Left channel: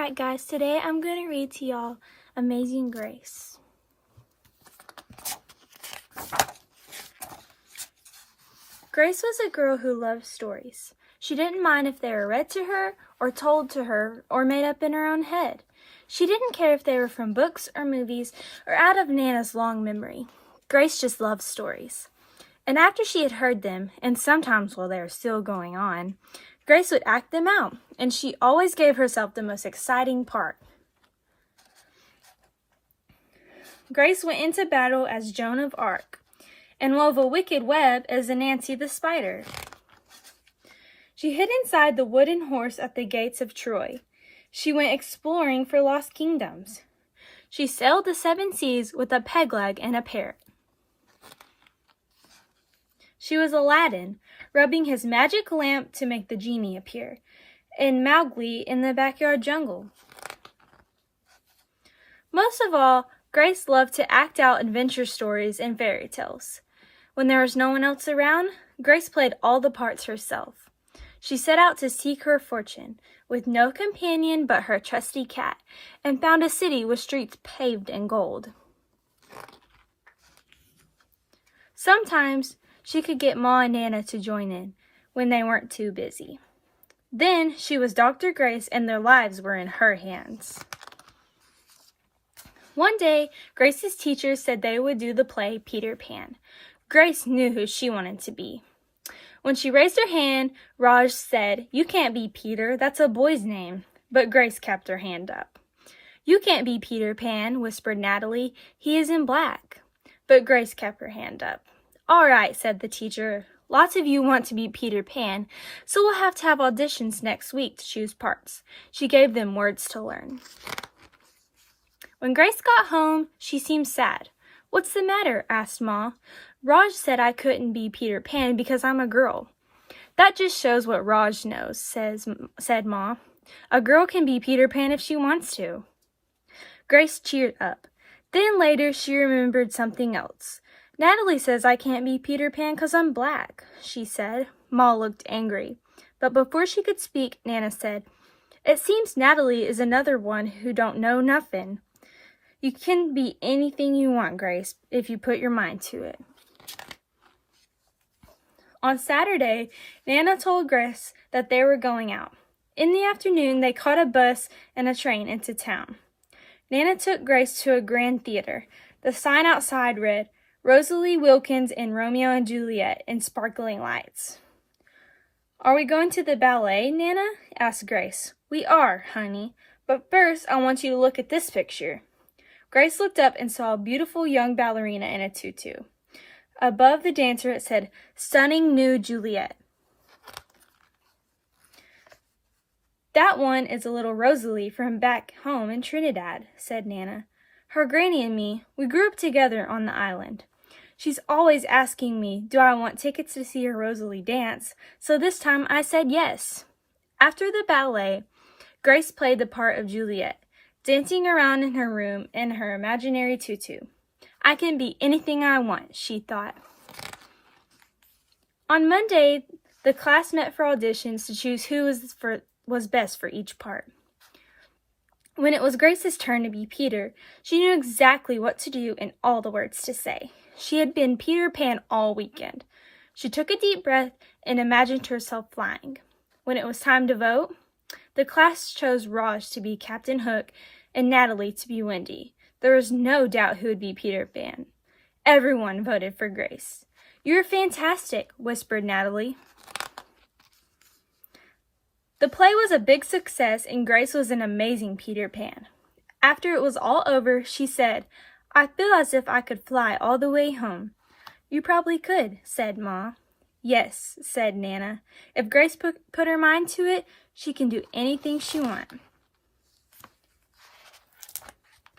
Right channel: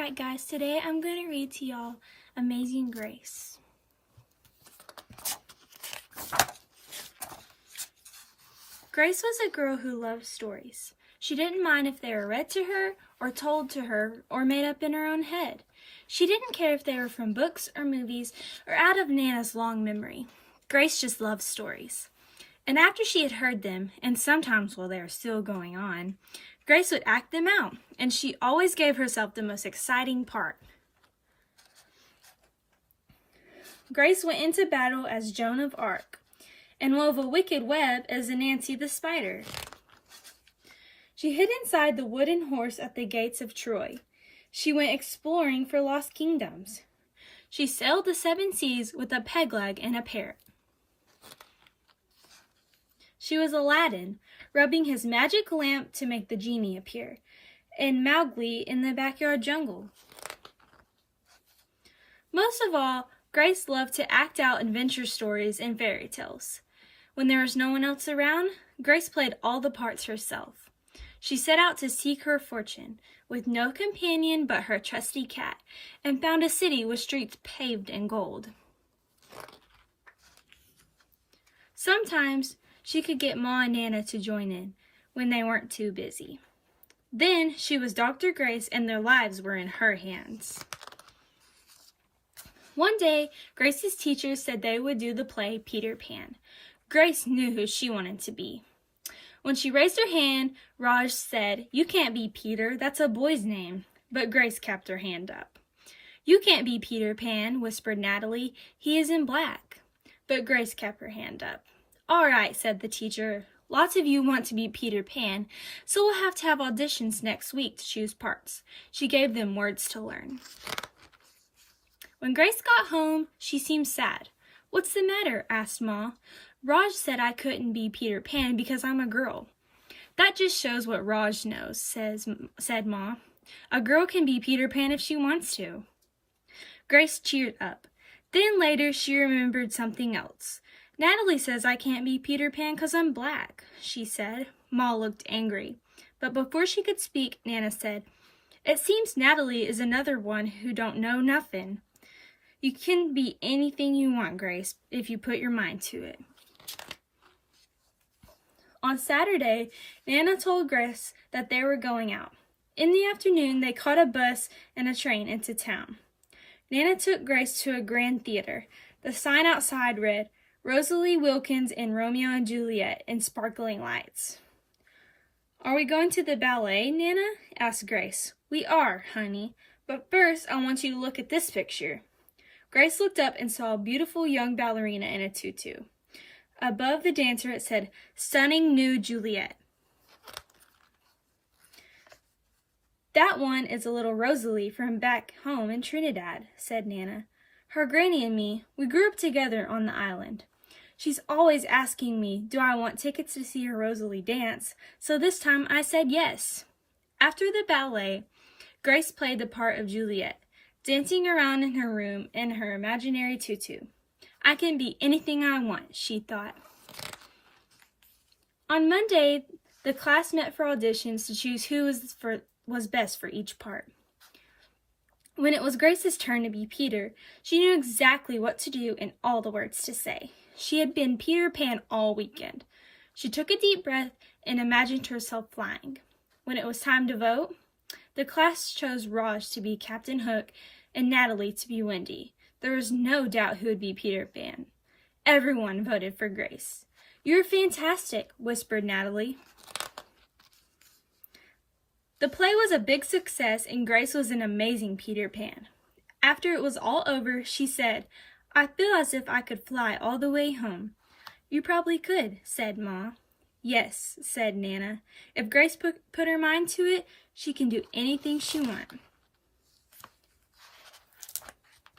Alright guys, today I'm going to read to y'all Amazing Grace. Grace was a girl who loved stories. She didn't mind if they were read to her, or told to her, or made up in her own head. She didn't care if they were from books or movies, or out of Nana's long memory. Grace just loved stories. And after she had heard them, and sometimes while they were still going on, Grace would act them out, and she always gave herself the most exciting part. Grace went into battle as Joan of Arc, and wove a wicked web as Nancy the spider. She hid inside the wooden horse at the gates of Troy. She went exploring for lost kingdoms. She sailed the 7 seas with a peg leg and a parrot. She was Aladdin, rubbing his magic lamp to make the genie appear, and Mowgli in the backyard jungle. Most of all, Grace loved to act out adventure stories and fairy tales. When there was no one else around, Grace played all the parts herself. She set out to seek her fortune, with no companion but her trusty cat, and found a city with streets paved in gold. Sometimes she could get Ma and Nana to join in when they weren't too busy. Then she was Dr. Grace and their lives were in her hands. One day, Grace's teachers said they would do the play Peter Pan. Grace knew who she wanted to be. When she raised her hand, Raj said, "You can't be Peter, that's a boy's name." But Grace kept her hand up. "You can't be Peter Pan," whispered Natalie. "He is in black." But Grace kept her hand up. "All right," said the teacher. "Lots of you want to be Peter Pan, so we'll have to have auditions next week to choose parts." She gave them words to learn. When Grace got home, she seemed sad. "What's the matter?" asked Ma. "Raj said I couldn't be Peter Pan because I'm a girl." "That just shows what Raj knows," said Ma. "A girl can be Peter Pan if she wants to." Grace cheered up. Then later she remembered something else. "Natalie says I can't be Peter Pan because I'm black," she said. Ma looked angry. But before she could speak, Nana said, "It seems Natalie is another one who don't know nothing. You can be anything you want, Grace, if you put your mind to it." On Saturday, Nana told Grace that they were going out. In the afternoon, they caught a bus and a train into town. Nana took Grace to a grand theater. The sign outside read, "Rosalie Wilkins in Romeo and Juliet" in sparkling lights. "Are we going to the ballet, Nana?" asked Grace. "We are, honey. But first, I want you to look at this picture." Grace looked up and saw a beautiful young ballerina in a tutu. Above the dancer it said, "Stunning New Juliet." "That one is a little Rosalie from back home in Trinidad," said Nana. "Her granny and me, we grew up together on the island. She's always asking me, do I want tickets to see her Rosalie dance, so this time I said yes." After the ballet, Grace played the part of Juliet, dancing around in her room in her imaginary tutu. "I can be anything I want," she thought. On Monday, the class met for auditions to choose who was best for each part. When it was Grace's turn to be Peter, she knew exactly what to do and all the words to say. She had been Peter Pan all weekend. She took a deep breath and imagined herself flying. When it was time to vote, the class chose Raj to be Captain Hook and Natalie to be Wendy. There was no doubt who would be Peter Pan. Everyone voted for Grace. "You're fantastic," whispered Natalie. The play was a big success and Grace was an amazing Peter Pan. After it was all over, she said, "I feel as if I could fly all the way home." "You probably could," said Ma. "Yes," said Nana. "If Grace put her mind to it, she can do anything she wants."